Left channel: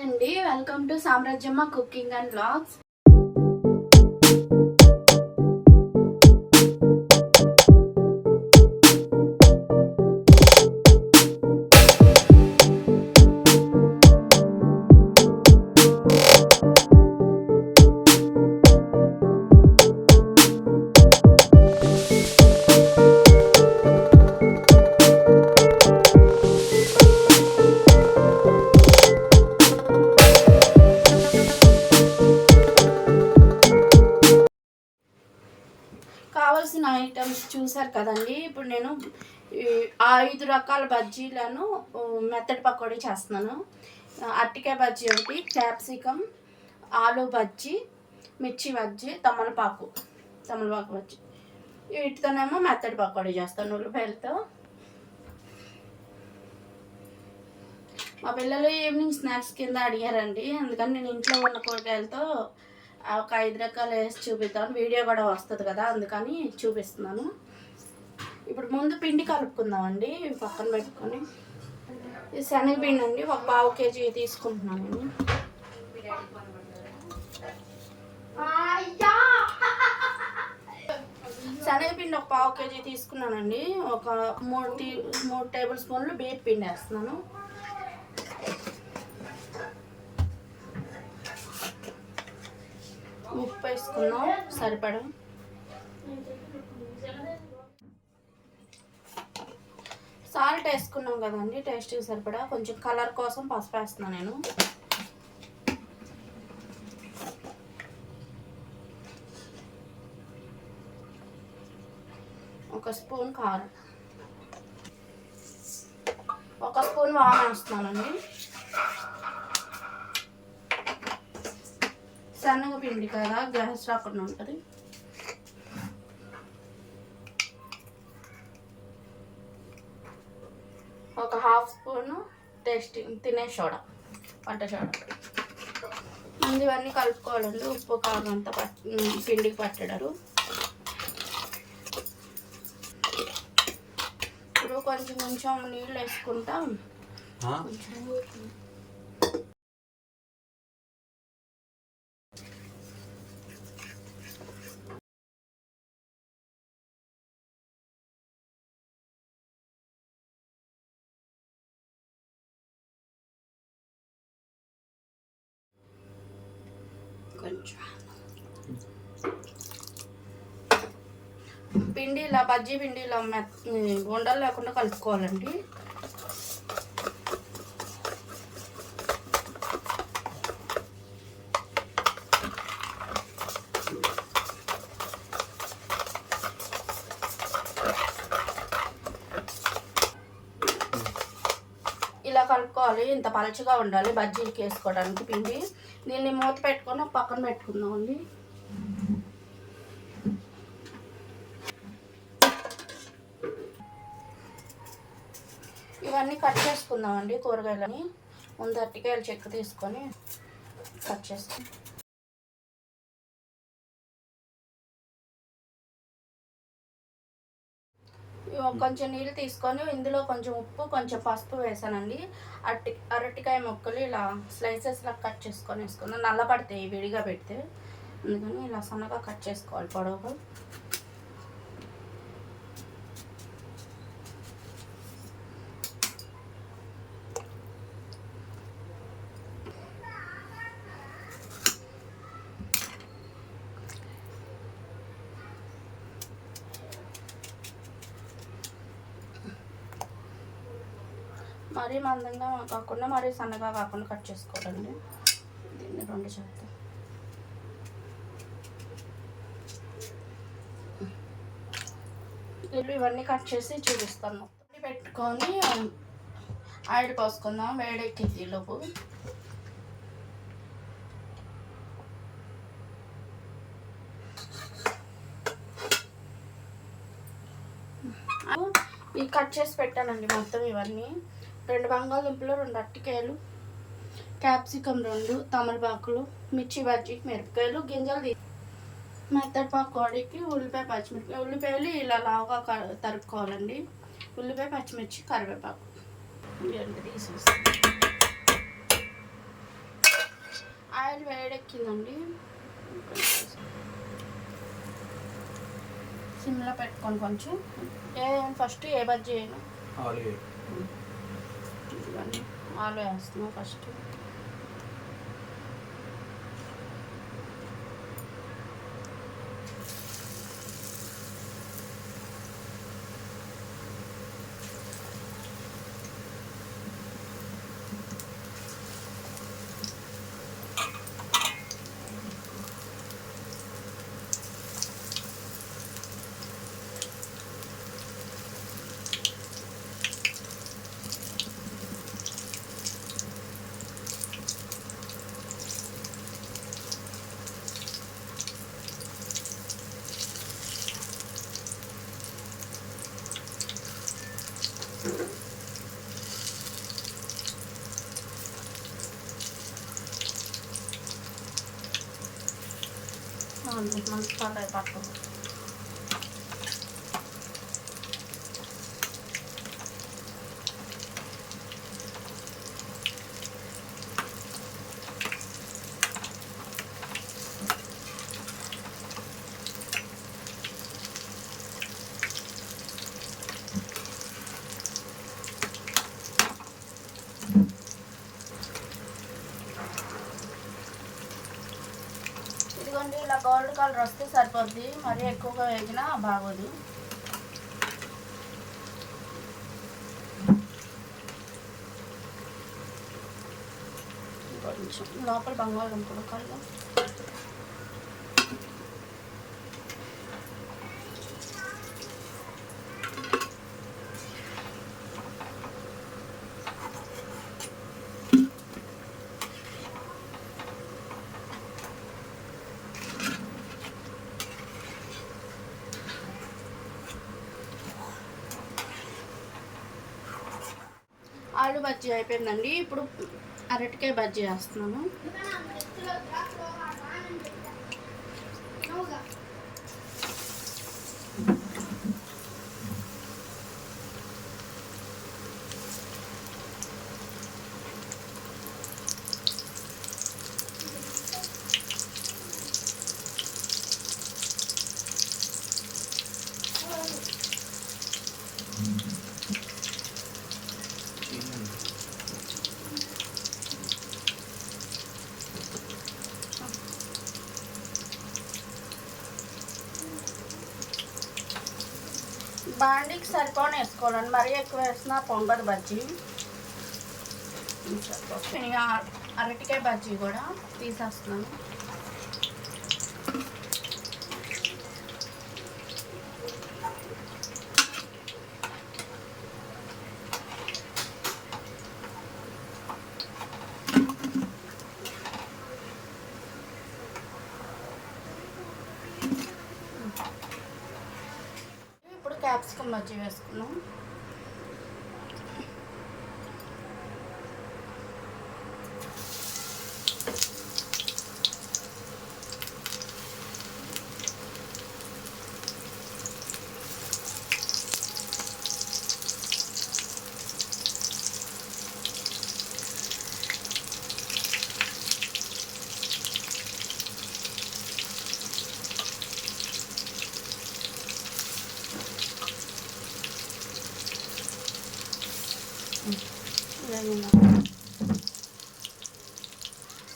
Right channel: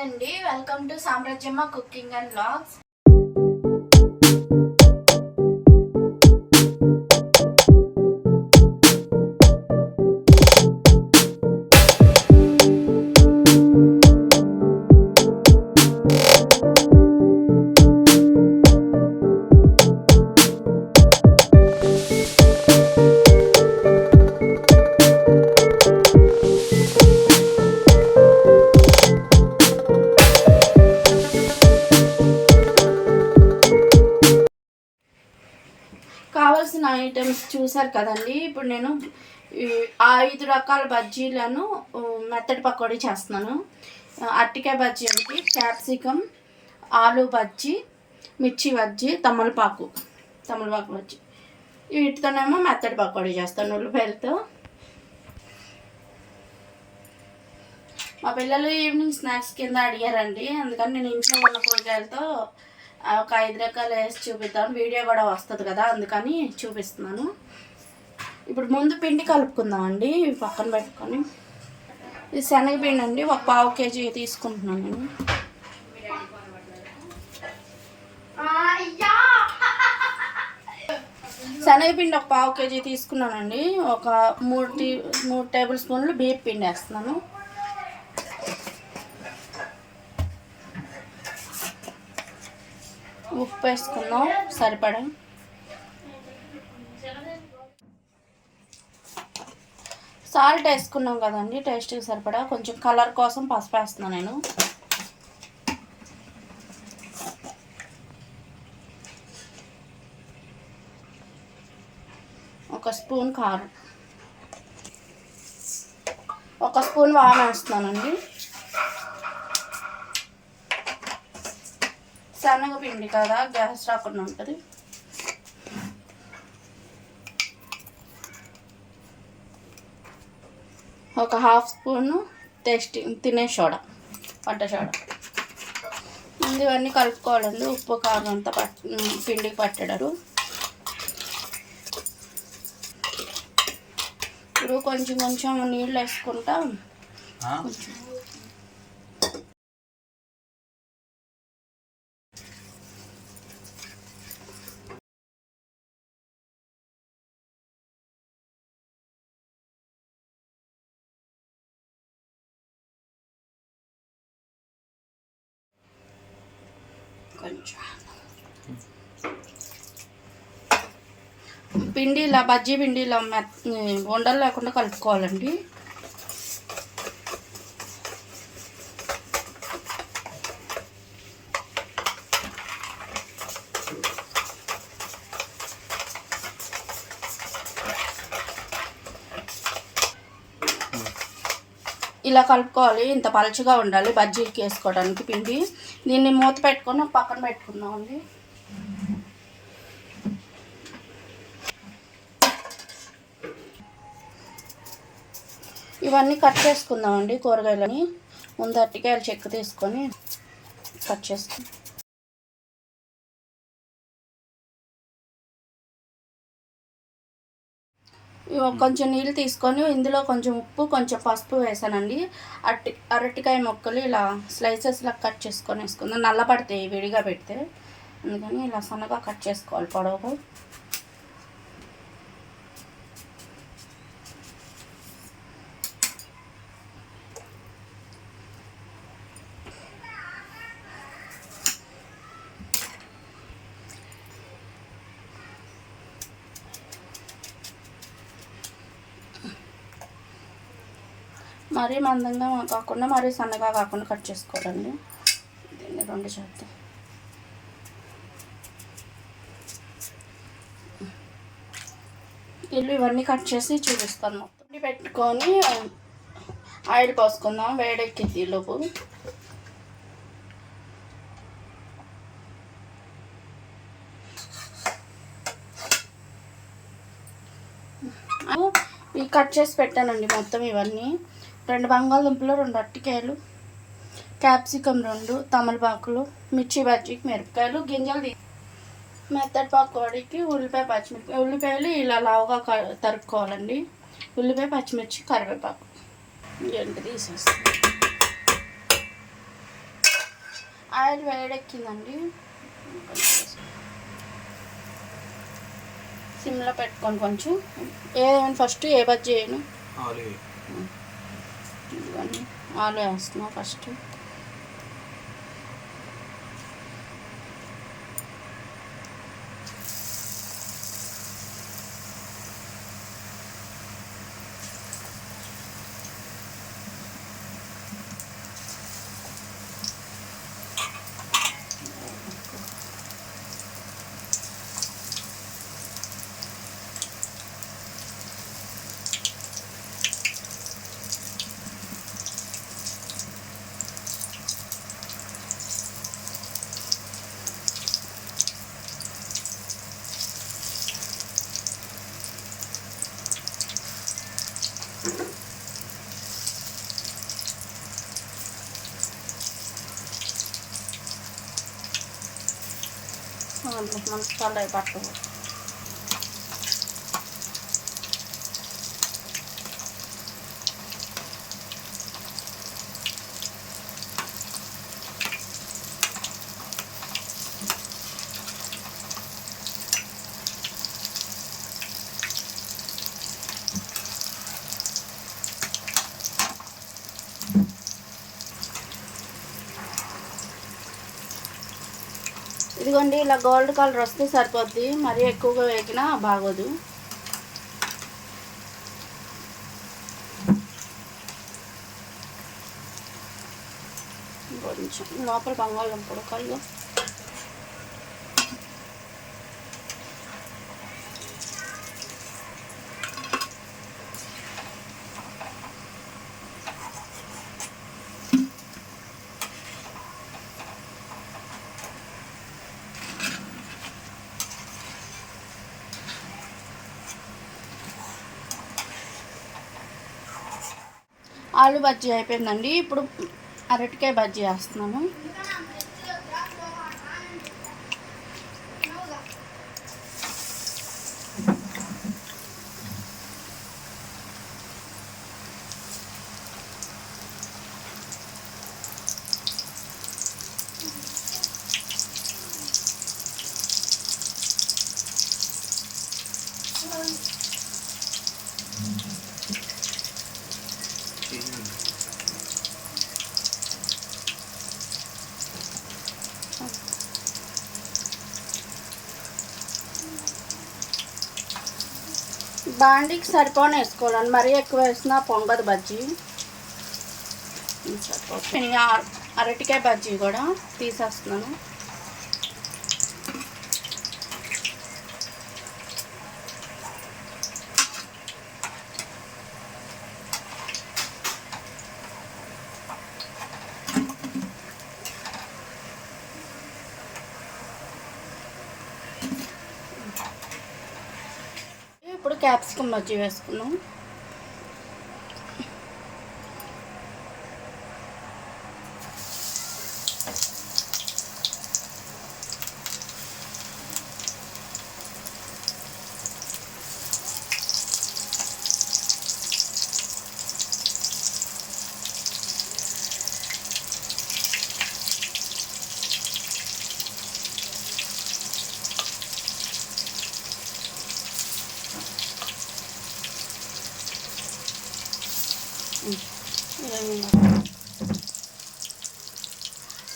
అండి welcome to Samrajyamma cooking and vlogs. కావాల్సిన items చూసారు కదండి. ఇప్పుడు నేను 5 రకాల బజ్జీలను మెత్తటి పకోడీ చేస్తున్నాను. అరటికాయ బజ్జీ ఒకటి, క్యాప్సికమ్, ఆలు బజ్జీ, మిర్చి బజ్జీ, తమలపాకు బజ్జీ. వీటితోనేమో మెత్తటి పకోడీ చేస్తాను ఉల్లిపాయలతో. మా పిల్లలు ఈవినింగ్ స్నాక్స్ కింద అడిగారండి, అందుకని నేను ఇంట్లో ఉన్న కూరగాయలతో ఒక 5 రకాలు వేసి చూపిద్దాం, వీడియో కూడా వస్తుంది కదా, అందుకని చూపిస్తున్నాను. ఇప్పుడు ముందు పిండి కలుపుకుందామండి. పక్కన పెట్టుకొని ఇది శనగపిండి అండి, ఒక 1/2 కేజీ తీసుకుంటున్నాను నేను. శనగపిండి ఒక 1/2 కేజీ తీసుకున్నానండి. ఒక 3 టేబుల్ స్పూన్లు బియ్యం పిండి వేస్తున్నాను. ఉప్పు వేసుకుందాం సరిపడా. సాల్ట్ వేసుకున్నాం కదండి, టేస్ట్కి సరిపడా. కొంచెం కలర్ కోసం పసుపు వేస్తున్నాను నేను. ఒక స్పూన్ కారం, 1 స్పూన్ వాము వేస్తున్నానండి. శనగపిండి కదా, గ్యాస్ రాకుండా ఉంటుంది. ఒక 1/2 స్పూను తినే సోడా, వంట సోడా. ఇవన్నీ కలుపుకోవాలండి. ఉప్పు కారం అంతా పిండికి పట్టడారు. ఇప్పుడు కొంచెం నీళ్ళు వేసుకుంటాం. పిండి ఇలా బజ్జీ పిండి ఇలా ఉండలు లేకుండా కలుపుకోవాలండి. ఇలా కలుపుకోవాలి. ఇంత పలుచగా ఉండాలి బజ్జీలకి వేసుకోవడానికి పిండి. దీన్ని మూత పెట్టుకొని పక్కన పెట్టుకుందామండి. ఇవన్నీ కట్ చేసుకుందామండి కూరగాయలని. ముందు అరటికాయలు చెక్కు తీసుకొని కట్ చేసుకుందాం. కొంచెం నీళ్ళు తీసుకొని ఇందులో కొంచెం ఉప్పు, కొంచెం పసుపు వేసానండి. అరటికాయ ముక్కలు ఇలా స్లైసెస్లా కట్ చేసుకొని వేసుకుందాం. నల్లబడతాయి విడిగా పెడితే, అందుకని ఇలా సన్నగా కట్ చేసుకోవాలి పొడవు. మరీ మందంగా కాకుండా మరీ సన్నగా కాకుండా కట్ చేసుకోవాలండి. దీన్ని 2 చేద్దాం. ఇవన్నీ కట్ చేసి చూపిస్తాను. మొత్తం పెట్టుకొని ఆయిల్ పోసుకుందాం. వేడెక్కింది లోపు. ఇవి కట్ చేసి పెట్టానండి మొత్తం. ఇవన్నీ 2 బంగాళదుంపలు, 2 అరటికాయలు, క్యాప్సికమ్ 2, తమలపాకులు, మిర్చి బజ్జీకి మిరపకాయలు, గింజలు, మెత్తటి పకోడీకి ఉల్లిపాయ, పచ్చిమిర్చి. ఉల్లిపాయలు ఇలా లావుగా తరుక్కోవాలండి. ఉల్లిపాయ, పచ్చిమిర్చి, కరివేపాకు. ఇవన్నీ తీసేసి ఆయిల్ వేడెక్కిందండి. సిమ్లో పెట్టుకొని కొంచెం ఫస్ట్ ఏ బజ్జీ చేయను, ఆలు వేస్తున్నా ఫస్ట్. మసాలా పట్టు ఇదిగోండి. ఇలా గోల్డ్ కలర్ వస్తే సరిపోద్ది, మరీ ఎక్కువగా వేగినా బాగోదు. కొంచెం లోపల బంగాళదుంపలు కళ్ళు ఆలు బజ్జీ అయిపోయిందండి. ఇప్పుడు అరటికాయ బజ్జీ వేస్తున్నాను. బాండీకి సరిపోని వేసుకోవాలండి, మరీ ఎక్కువ వేసినా పొంగదు బజ్జీ. అరటికాయ బజ్జీ కూడా తీసేస్తున్నాను. ఇప్పుడు క్యాప్సికమ్ బజ్జీ వేసుకున్నాం.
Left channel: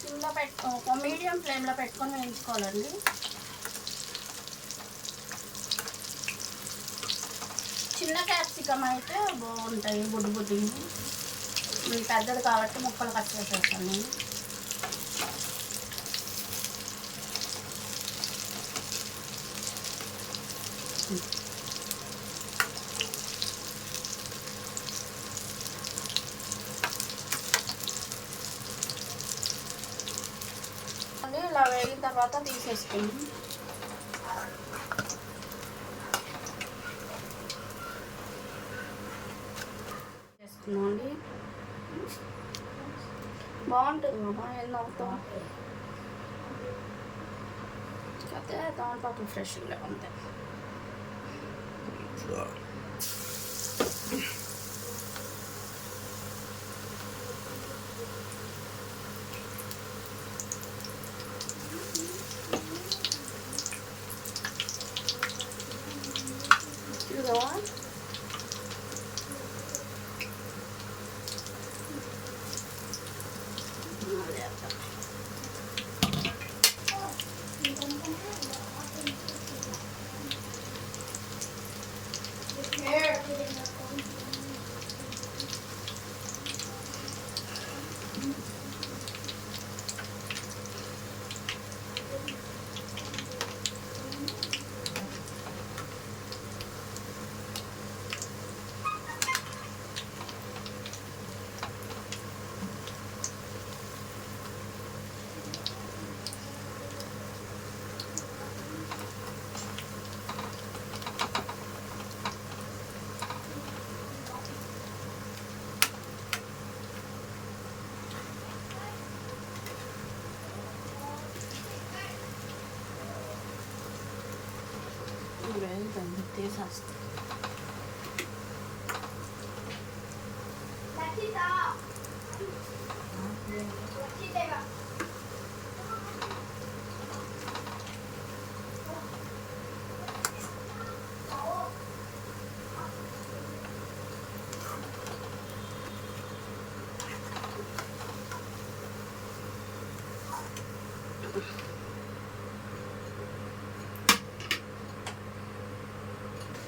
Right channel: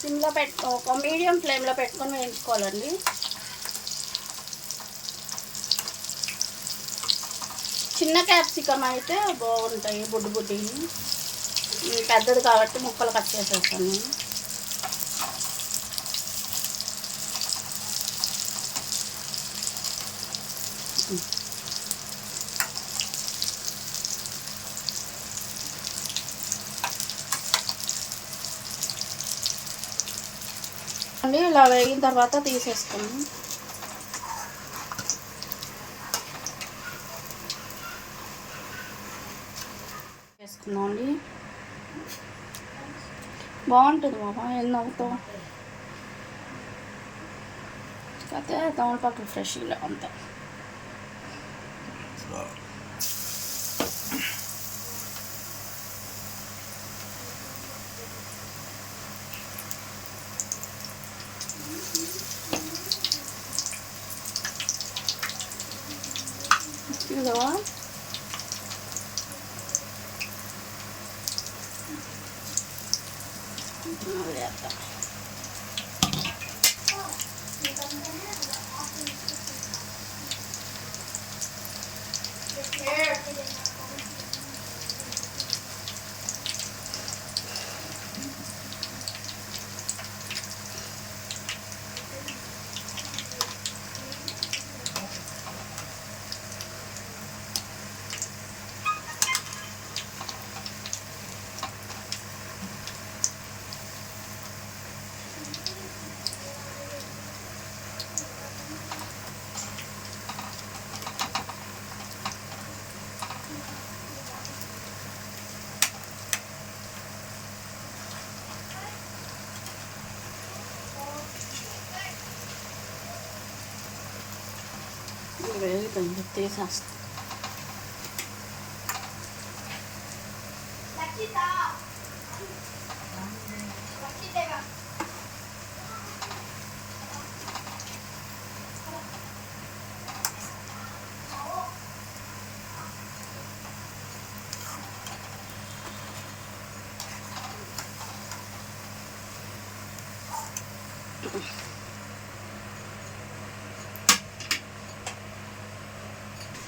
సిమ్లో ఒక మీడియం ఫ్లేమ్లో పెట్టుకొని వేయించుకోవాలండి. చిన్న క్యాప్సికమ్ అయితే బాగుంటాయి, బుడ్డి బుడ్డి. పెద్దది కాబట్టి ముక్కలు కట్ చేసేస్తాను. ఇలా వేగిన తర్వాత తీసేసుకున్నాం. వేసుకున్నాం అండి. బాగుంటుంది బాబా, ఏం నవ్వుతాం. కాకపోతే తమలపాకులు ఫ్రెష్ ఇలా ఉంటాయి. ఇదిగో వేడి కొంచెం తీసేస్తాను.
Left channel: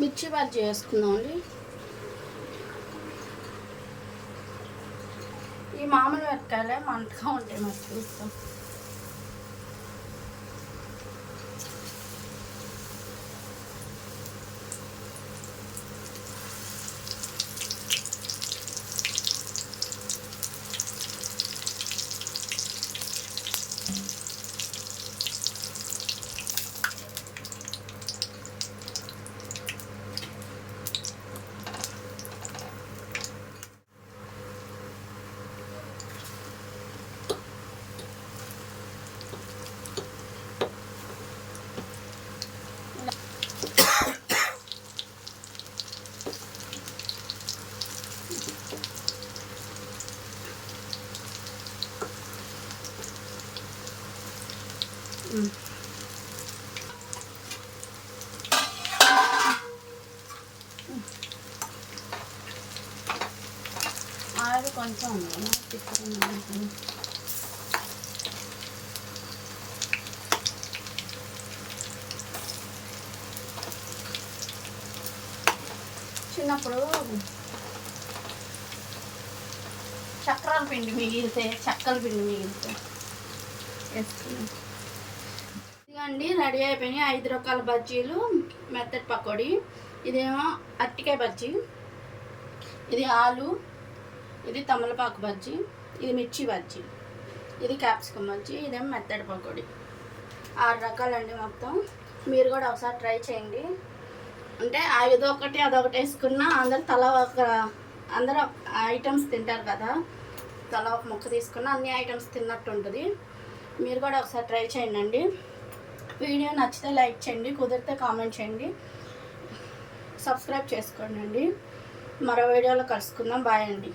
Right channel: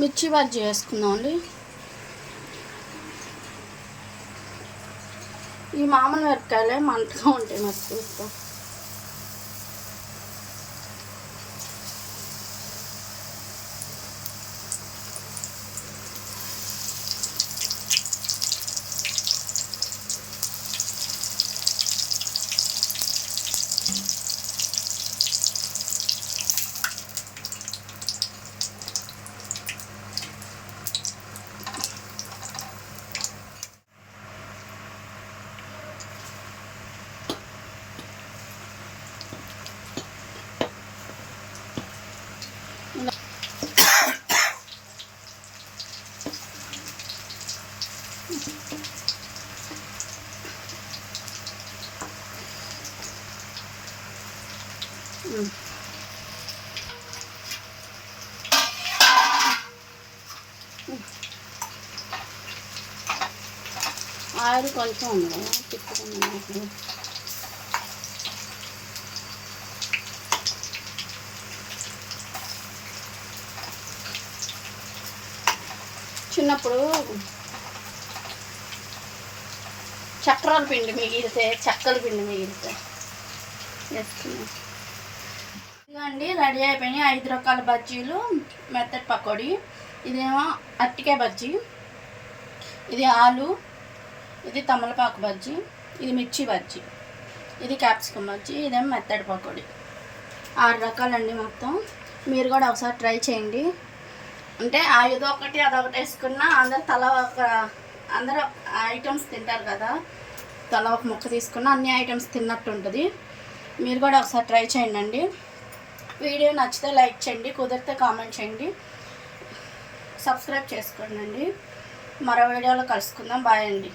మిర్చి బజ్జీ వేసుకుందామండి. ఈ మామూలు మిరపకాయలే మంటగా ఉంటాయి నాకు చూస్తాం. ఆయిల్ కొంచెం ఉంది చిన్నప్పుడు చక్రాల పిండి మిగిలితే చెక్కల పిండి మిగిలితే వేసుకున్నాం. ఇదిగండి రెడీ అయిపోయినాయి 5 రకాల బజ్జీలు. మెత్తటి పకోడీ, ఇదేమో అరటికాయ బజ్జీ, ఇది ఆలు, ఇది తమలపాకు బజ్జీ, ఇది మిర్చి బజ్జీ, ఇది క్యాప్సికమ్ బజ్జీ, ఇదేమో మెత్తటి పకోడీ. 6 రకాలండి మొత్తం. మీరు కూడా ఒకసారి ట్రై చేయండి. అంటే ఇదొకటి అదొకటి వేసుకున్నా అందరూ ఐటమ్స్ తింటారు కదా, తల ఒక ముక్క తీసుకున్న అన్ని ఐటమ్స్ తిన్నట్టు ఉంటుంది. మీరు కూడా ఒకసారి ట్రై చేయండి. వీడియో నచ్చితే లైక్ చేయండి, కుదిరితే కామెంట్ చేయండి, సబ్స్క్రైబ్ చేసుకోండి. మరో వీడియోలో కలుసుకుందాం. బాయ్ అండి.